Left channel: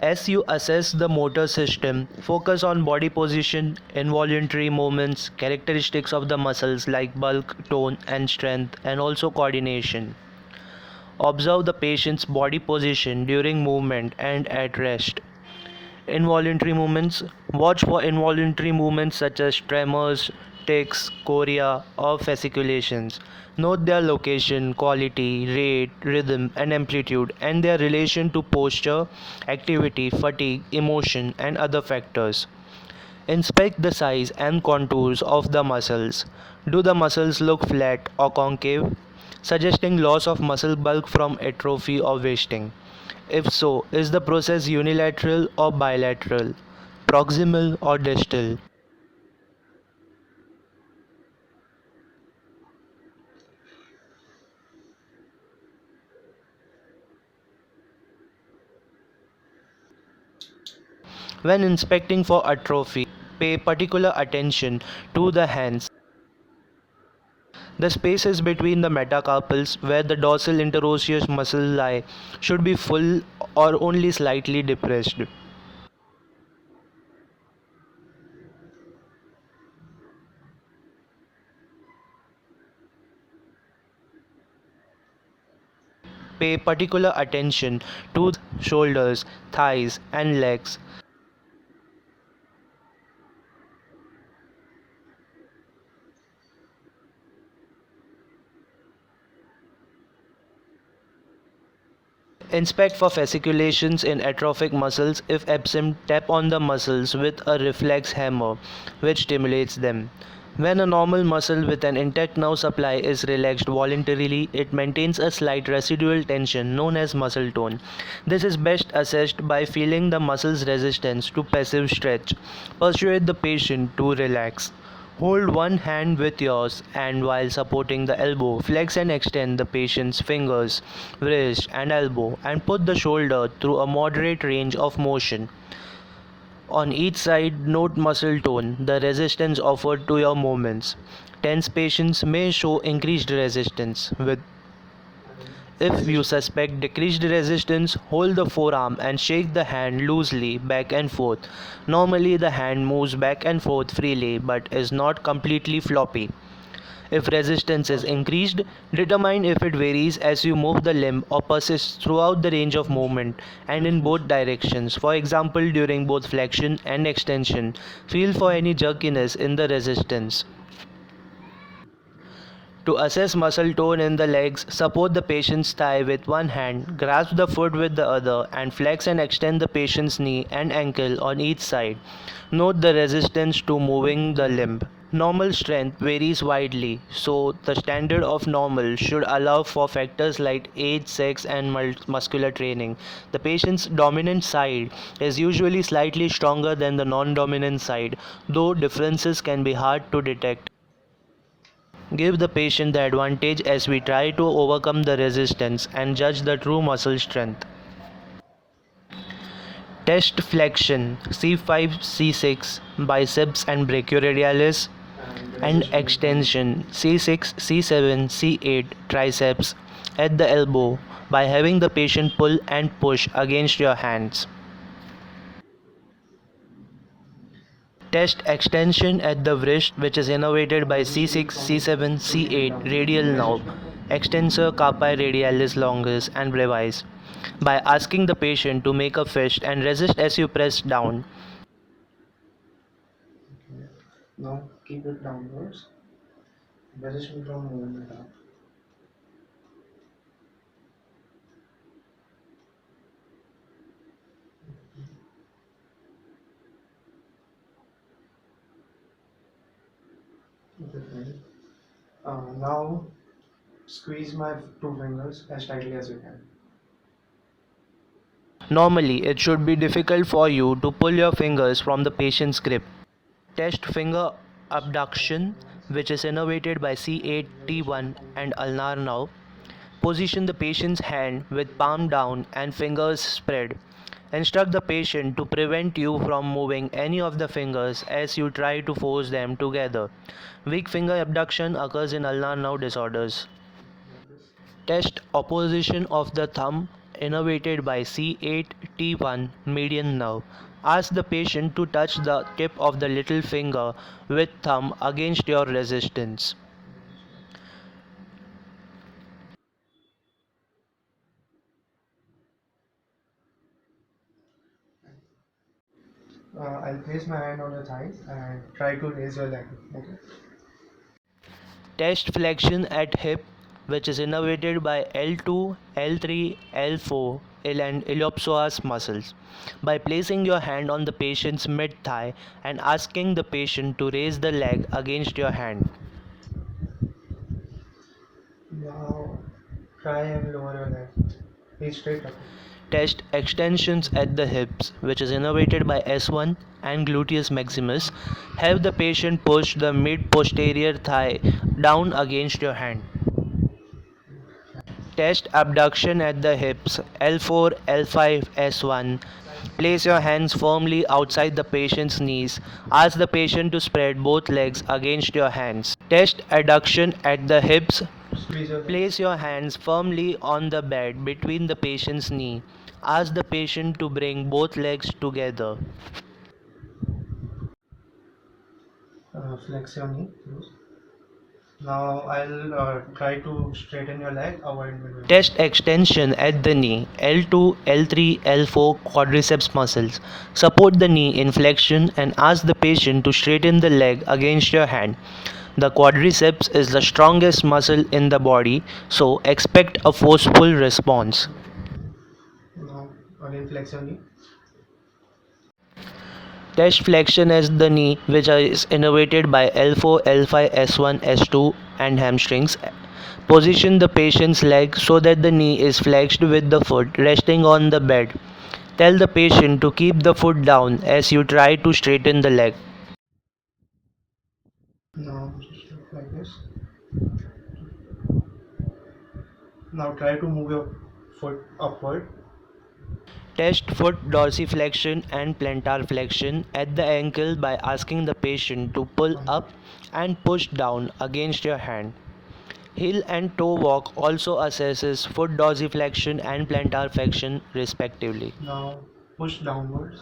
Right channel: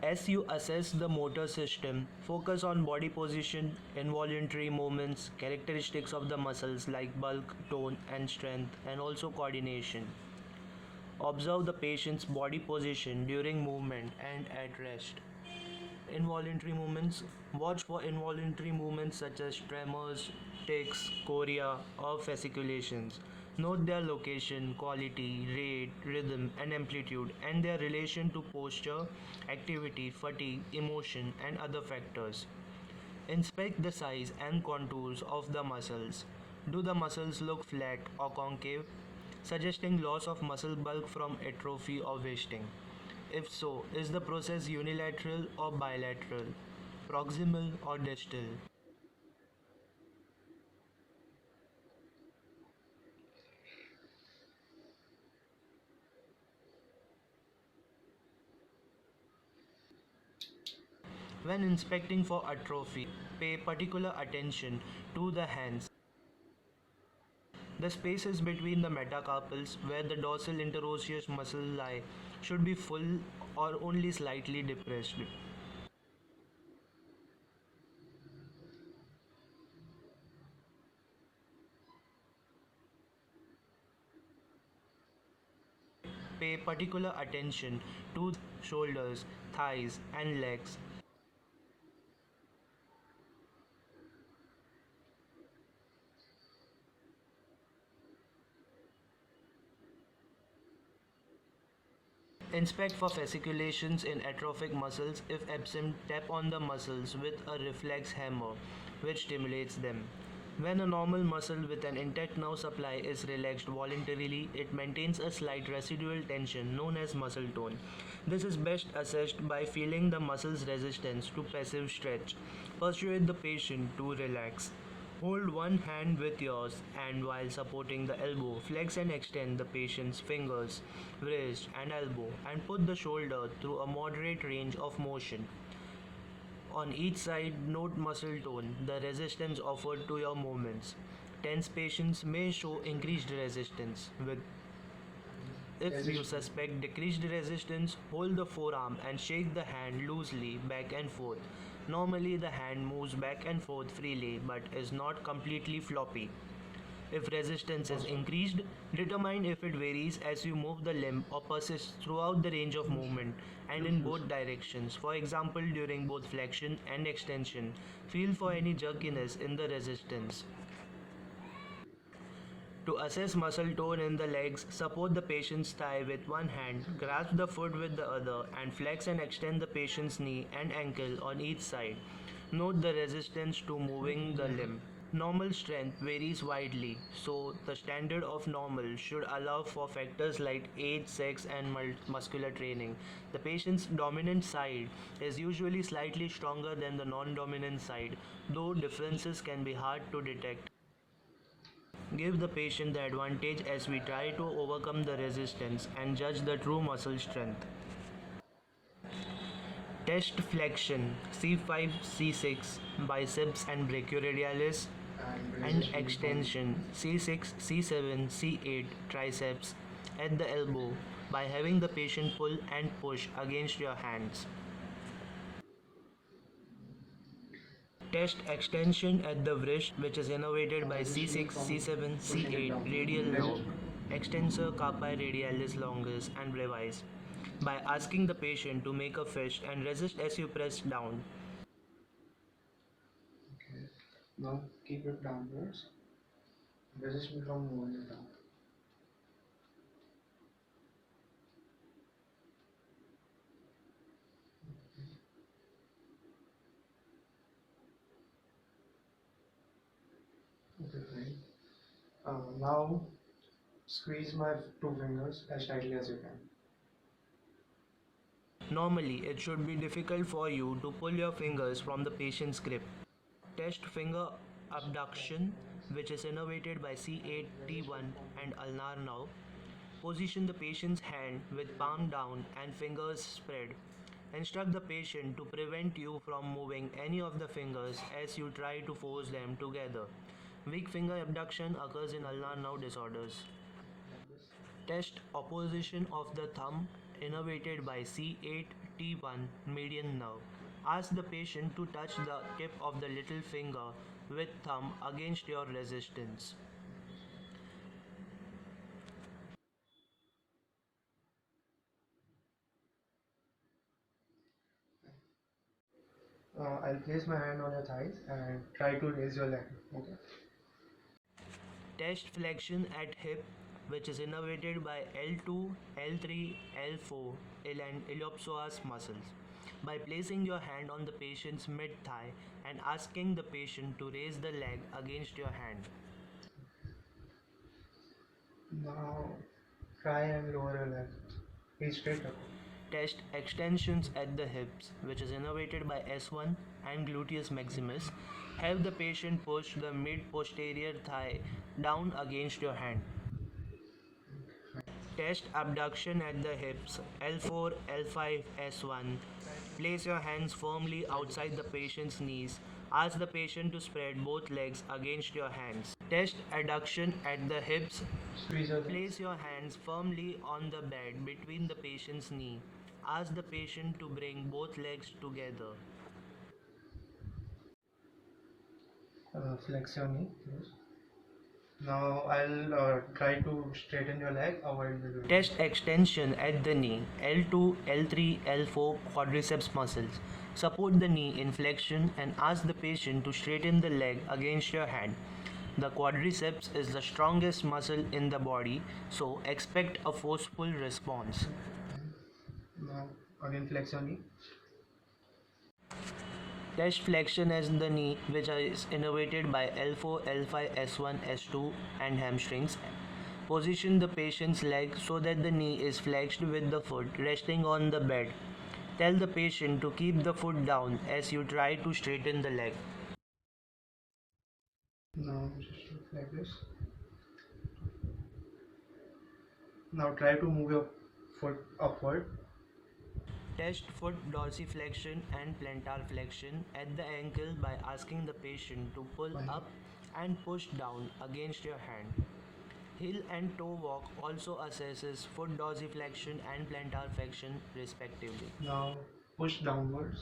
As you assess the motor system, focus on body position, involuntary movements, characteristics of the muscles like bulk, tone, and strength, and also coordination. Observe the patient's body position during movement and at rest. Involuntary movements. Watch for involuntary movements such as tremors, tics, chorea, or fasciculations. Note their location, quality, rate, rhythm, and amplitude, and their relation to posture, activity, fatigue, emotion, and other factors. Inspect the size and contours of the muscles. Do the muscles look flat or concave, suggesting loss of muscle bulk from atrophy or wasting? If so, is the process unilateral or bilateral, proximal or distal? When inspecting for atrophy, pay particular attention to the hands. The spaces between the metacarpals where the dorsal interosseous muscles lie should be full or only slightly depressed. Pay particular attention to the shoulders, thighs, and legs. Inspect for fasciculations in atrophic muscles. If absent, tap on the muscles with a reflex hammer, which stimulates them. When a normal muscle with an intact nerve supply is relaxed voluntarily, it maintains a slight residual tension known as muscle tone. This is best assessed by feeling the muscle's resistance to passive stretch. Persuade the patient to relax. Hold one hand with yours and while supporting the elbow, flex and extend the patient's fingers, wrist, and elbow and put the shoulder through a moderate range of motion. On each side, note muscle tone, the resistance offered to your movements. Tense patients may show increased resistance. If you suspect decreased resistance, hold the forearm and shake the hand loosely back and forth. Normally, the hand moves back and forth freely but is not completely floppy. If resistance is increased, determine if it varies as you move the limb or persists throughout the range of movement and in both directions. For example, during both flexion and extension, feel for any jerkiness in the resistance. To assess muscle tone in the legs, support the patient's thigh with one hand, grasp the foot with the other, and flex and extend the patient's knee and ankle on each side. Note the resistance to moving the limb. Normal strength varies widely, so the standard of normal should allow for factors like age, sex, and muscular training. The patient's dominant side is usually slightly stronger than the non dominant side, though differences can be hard to detect. Give the patient the advantage as we try to overcome the resistance and judge the true muscle strength. Test flexion C5 C6 biceps and brachioradialis and extension C6 C7 C8 triceps at the elbow by having the patient pull and push against your hands. Test extension at the wrist, which is innervated by C6, C7, C8 radial nerve, extensor carpi radialis longus and brevis, by asking the patient to make a fist and resist as you press down. Okay. Now keep it downwards. Resist from moving it up. Okay, fine. Now squeeze my two fingers as tightly as you can. Normally, it should be difficult for you to pull your fingers from the patient's grip. Test finger abduction, which is innervated by C8, T1, and ulnar nerve. Position the patient's hand with palm down and fingers spread. Instruct the patient to prevent you from moving any of the fingers as you try to force them together. Weak finger abduction occurs in ulnar nerve disorders. Test opposition of the thumb innervated by C8-T1 median nerve. Ask the patient to touch the tip of the little finger with thumb against your resistance. I'll place my hand on your thighs and try to raise your leg. Okay. Test flexion at hip, which is innervated by L2, L3, L4, and iliopsoas muscles. By placing your hand on the patient's mid thigh and asking the patient to raise the leg against your hand. Now try and lower your leg. He's straight up. Test extensions at the hips, which is innervated by S1 and gluteus maximus. Have the patient push the mid posterior thigh down against your hand. Test abduction at the hips L4, L5, S1. Place your hands firmly outside the patient's knees. Ask the patient to spread both legs against your hands. Test adduction at the hips. Squeeze your leg. Place your hands firmly on the bed between the patient's knee. Ask the patient to bring both legs together. Flex your knee. Close. Now I'll try to straighten your leg. Avoid me doing Test extension at the knee L2, L3, L4 quadriceps muscles. Support the knee in flexion and ask the patient to straighten the leg against your hand. The quadriceps is the strongest muscle in the body, so expect a forceful response. Now again flex your knee. Test flexion as the knee, which is innervated by L4, L5, S1, S2, and hamstrings. Position the patient's leg so that the knee is flexed with the foot resting on the bed. Tell the patient to keep the foot down as you try to straighten the leg. Now just look like this. Now try to move your foot upward. Test foot dorsiflexion and plantar flexion at the ankle by asking the patient to pull up and push down against your hand. Heel and toe walk also assesses foot dorsiflexion and plantar flexion respectively. Now push downwards.